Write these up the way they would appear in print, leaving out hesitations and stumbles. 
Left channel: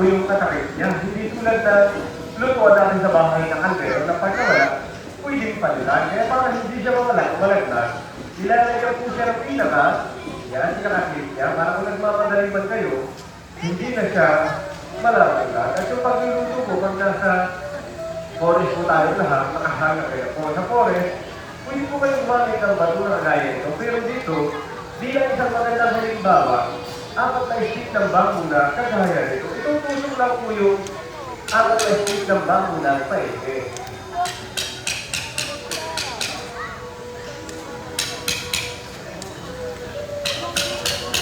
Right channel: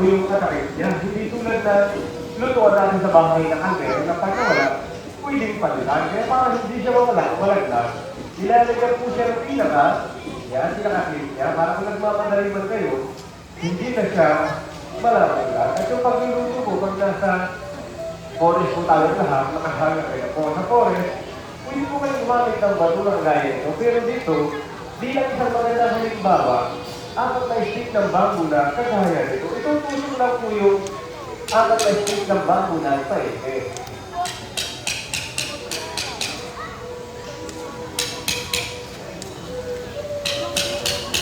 o yung katakit niya. Hindi tulad na lutuan natin sa bahay ng kaldero na pagkawala, pwedeng palitan. Kaya para hindi siya malaglag, ilalagyan po siya ng pinaka, yan, pinakakit niya, para kung nagmamadali man kayo, hindi na siya malalaglag. At yung pagluluto po, pag nasa forest po tayo lahat, makahanap kayo po sa forest, pwede po kayo gumamit ng bato na kagaya nito. Pero dito, bilang isang magandang halimbawa, apat na stick ng bamboo na kagaya nito. Itutusok lang po yung apat na stick ng bamboo na paike.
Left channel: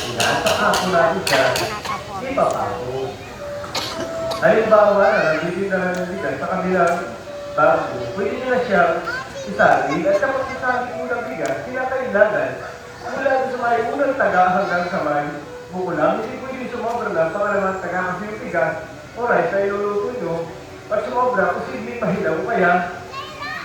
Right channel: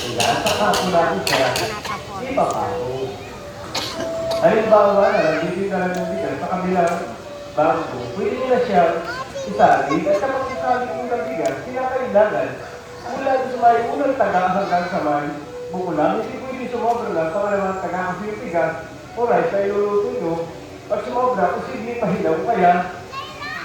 Ayan, saka po natin siya, ipapato. Halimbawa na, hindi na nandiyan sa kabilang bamboo, pwede nila siyang isali, at kapag isali po ng bigas, kinakailangan mula sa may unang taga hanggang sa may bukulang, hindi pwede sumobra lang sa malamang taga ang yung bigas, alright, sa iluluto nyo, pag sumobra, posibleng pahilaw kaya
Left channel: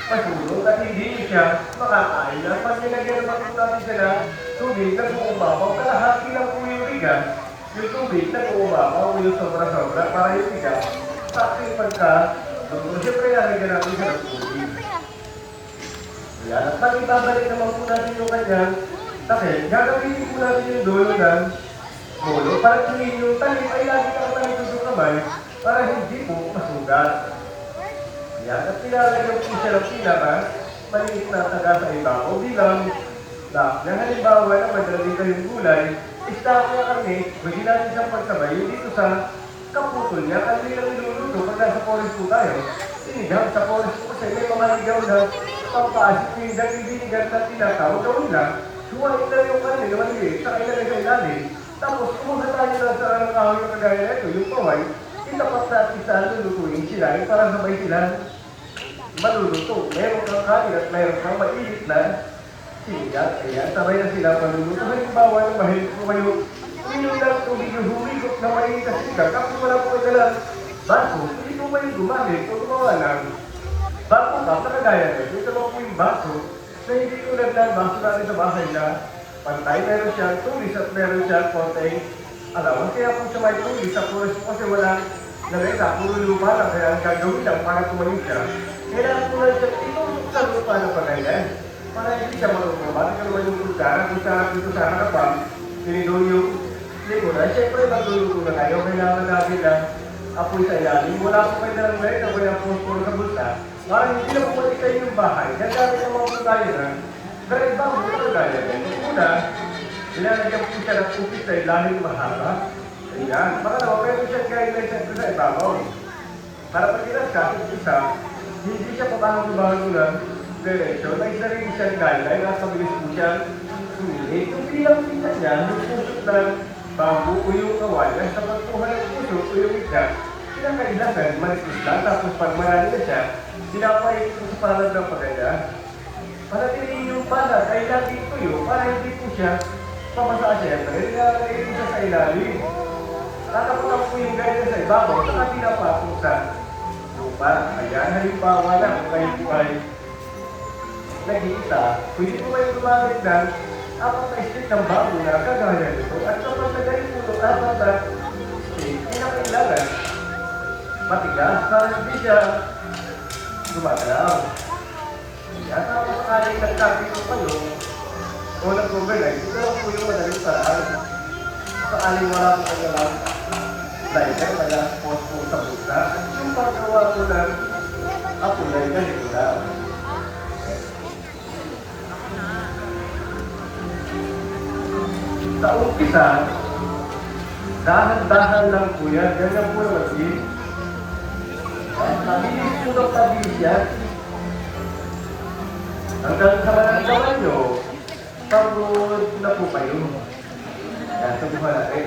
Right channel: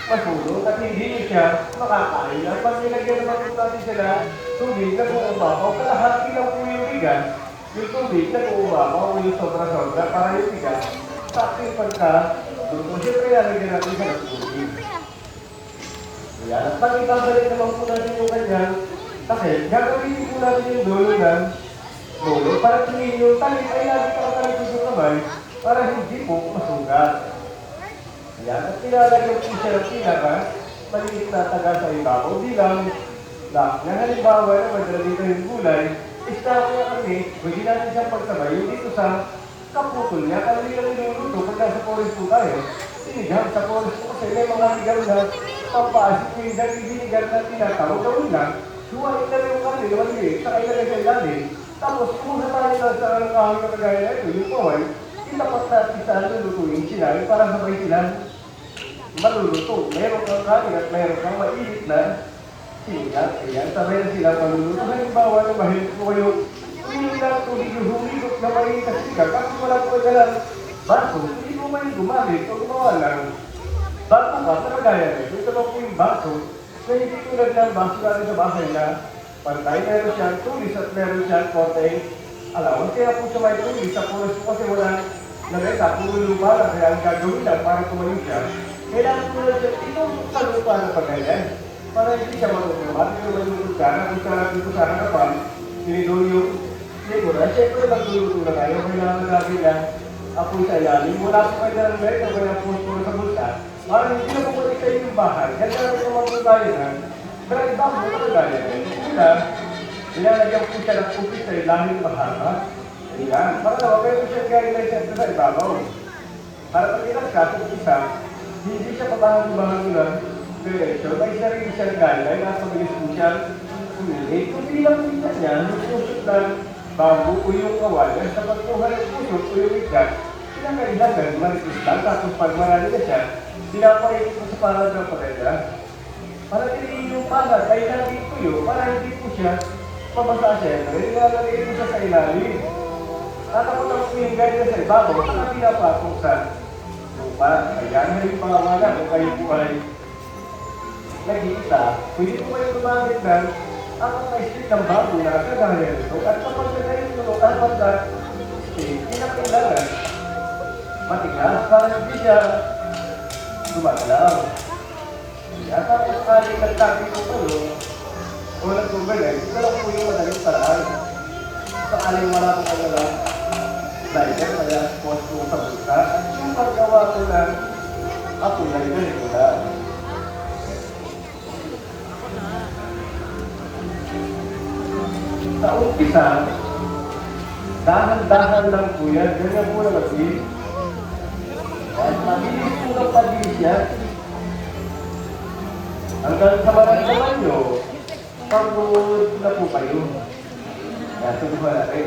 masulot at hindi nyo siya makakain. At pag nilagyan naman po natin sila tubig na buumapaw, kalahati lang po yung bigas, yung tubig na buumapaw, yung sobra-sobra para yung bigas, saking pagka luto. Siyempre, nalagyan natin siya ng tubig. Ayan, at pag ibabalik naman po natin yung kanyang takip, gagawin po natin yung dulo ng ulo para tuloy yung talim ay lagi ka tayo tutukamay para hindi po masugat. Ayan, at nilalagyan po siya ng pinaka maliit na taga sa ibabaw bilang lock. Yan halimbawa na madali kayong gulay, istako na kami, pwede natin siyang pagsabay yung dito sa kaputol niya. Kami lang niluluto pag nasa forest po tayo. Sinigang sa forest po kasi may mga ligaw na pampaasip yung daging-dinigan na tinatawag. Gawin lang, suwain na yung kanil, maliit, sa kailangan sa ilalim. Tapos kumuha tayo na sa kawin na kagaya na ito, yung kaway, itapat natin sa lulutuin sila para sabay sila maluluto. Meron kang kain at meron kang mainit na sinigang. Ayan, sabay na sila maluluto. Halimbawa ng mahirap po kayo, inyong lang tubig yung humigop na mainit na sinigang. Kapag wala po kayo lang baso, hindi po may gumamit o gumawa lang baso ba? Nakagaya nito. Ito ba po yung baso na hindi tulad ng baso natin sa bahay na pantay. Meron siyang tulis at meron siyang konting alawan. Kaya po siya may tulis sa forest kasi wala nalita, puro lupa na. Kaya ang gagawin lang para tumayo siya. Kailangan po lang siya itusok sa lupa na pagkayan. Para hindi siya marunong. Kaya naman yung lugar, kung saan dito sa harapan, tinidol yung likuran. Siyempre, magluluto na kayo. Kailangan natin na apoy sa ilalim. Wala po kayo na ng meron, kaya po sa bulsa. Para hindi na po kayo kayo yung bahay. Kaya namin naman po tayo na. Pero ibang po na tayo. Una, ilalagyan po siya ng upis sa ilalim mahaba. Ayan. Para na, huwag kayo siya guidelines sa ibabaw. Para pag inaskasot isa, hindi siya papangalubahan lang. Diretso, may sarili siyang guideline at mabilis po siyang sumilit. Kung pinapita niya, yung pusot ng bamboo o yung kawayan, sa pagkuha ng pusot o yung ikat, kinakailangan malipis lang. Tapos pag marami na siya, pinapait po sa parang ng pagkaya. Para tinihin yung pala, ay lagi po yun, para hindi po siya pamasa siya. Nilalagay po siya sa ilalim. At ako lang po yung guideline sa ibabaw, saka pinapatong sa lupa. Ayan, halimbawa na kung kayo po ay nag-iisa, pwede po kayo gumamit ng apat na stick ng bamboo na kagaya nito. At kapag nagay po apat na stick, pinakailangan matigas para hindi siya gumagalaw. At tapos kaling nagtabi ko pa yun, o nag-overlay, ito lang po yung madaling paraan. Sakaling wala po kayo lang driver na last post po sa buta. At yung paggawa po ng apulay na nila. Sa umpisa, dahan-dahan lang po yan. Ganyan po yung naging. Mabilis po ng pabilis yan. Hanggang sa maramdaman nyo, pagod na po kayo. Ito po malaki.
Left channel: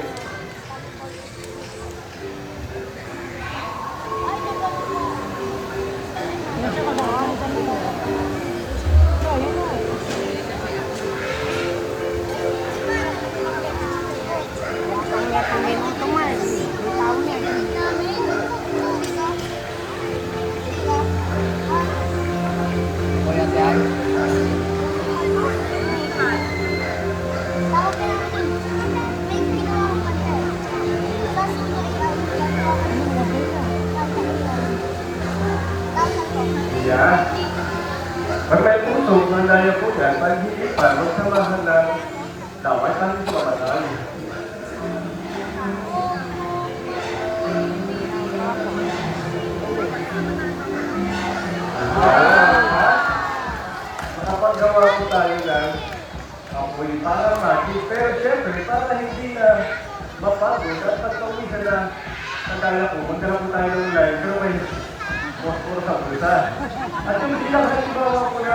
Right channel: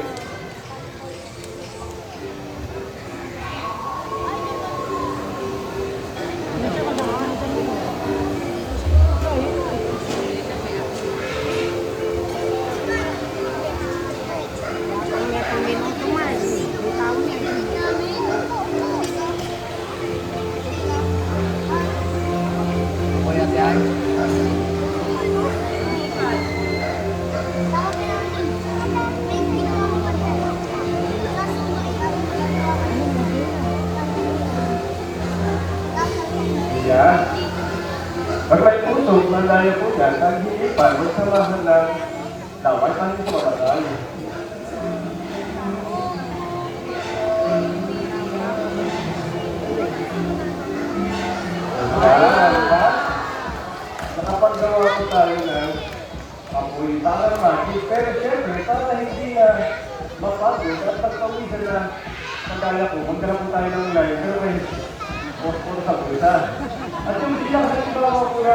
Pag may puso, mandaya po yan, pag hindi pa, magsamahan lang, dapat natin sa matatang. Nakapagawa po tayo ng apoy para magic. Pero syempre, para hindi na mapagod at pagka-uwi na nagala po, magdala po tayo ng live, pero may puro sa bulsa. At yung sila sa sigurawa po na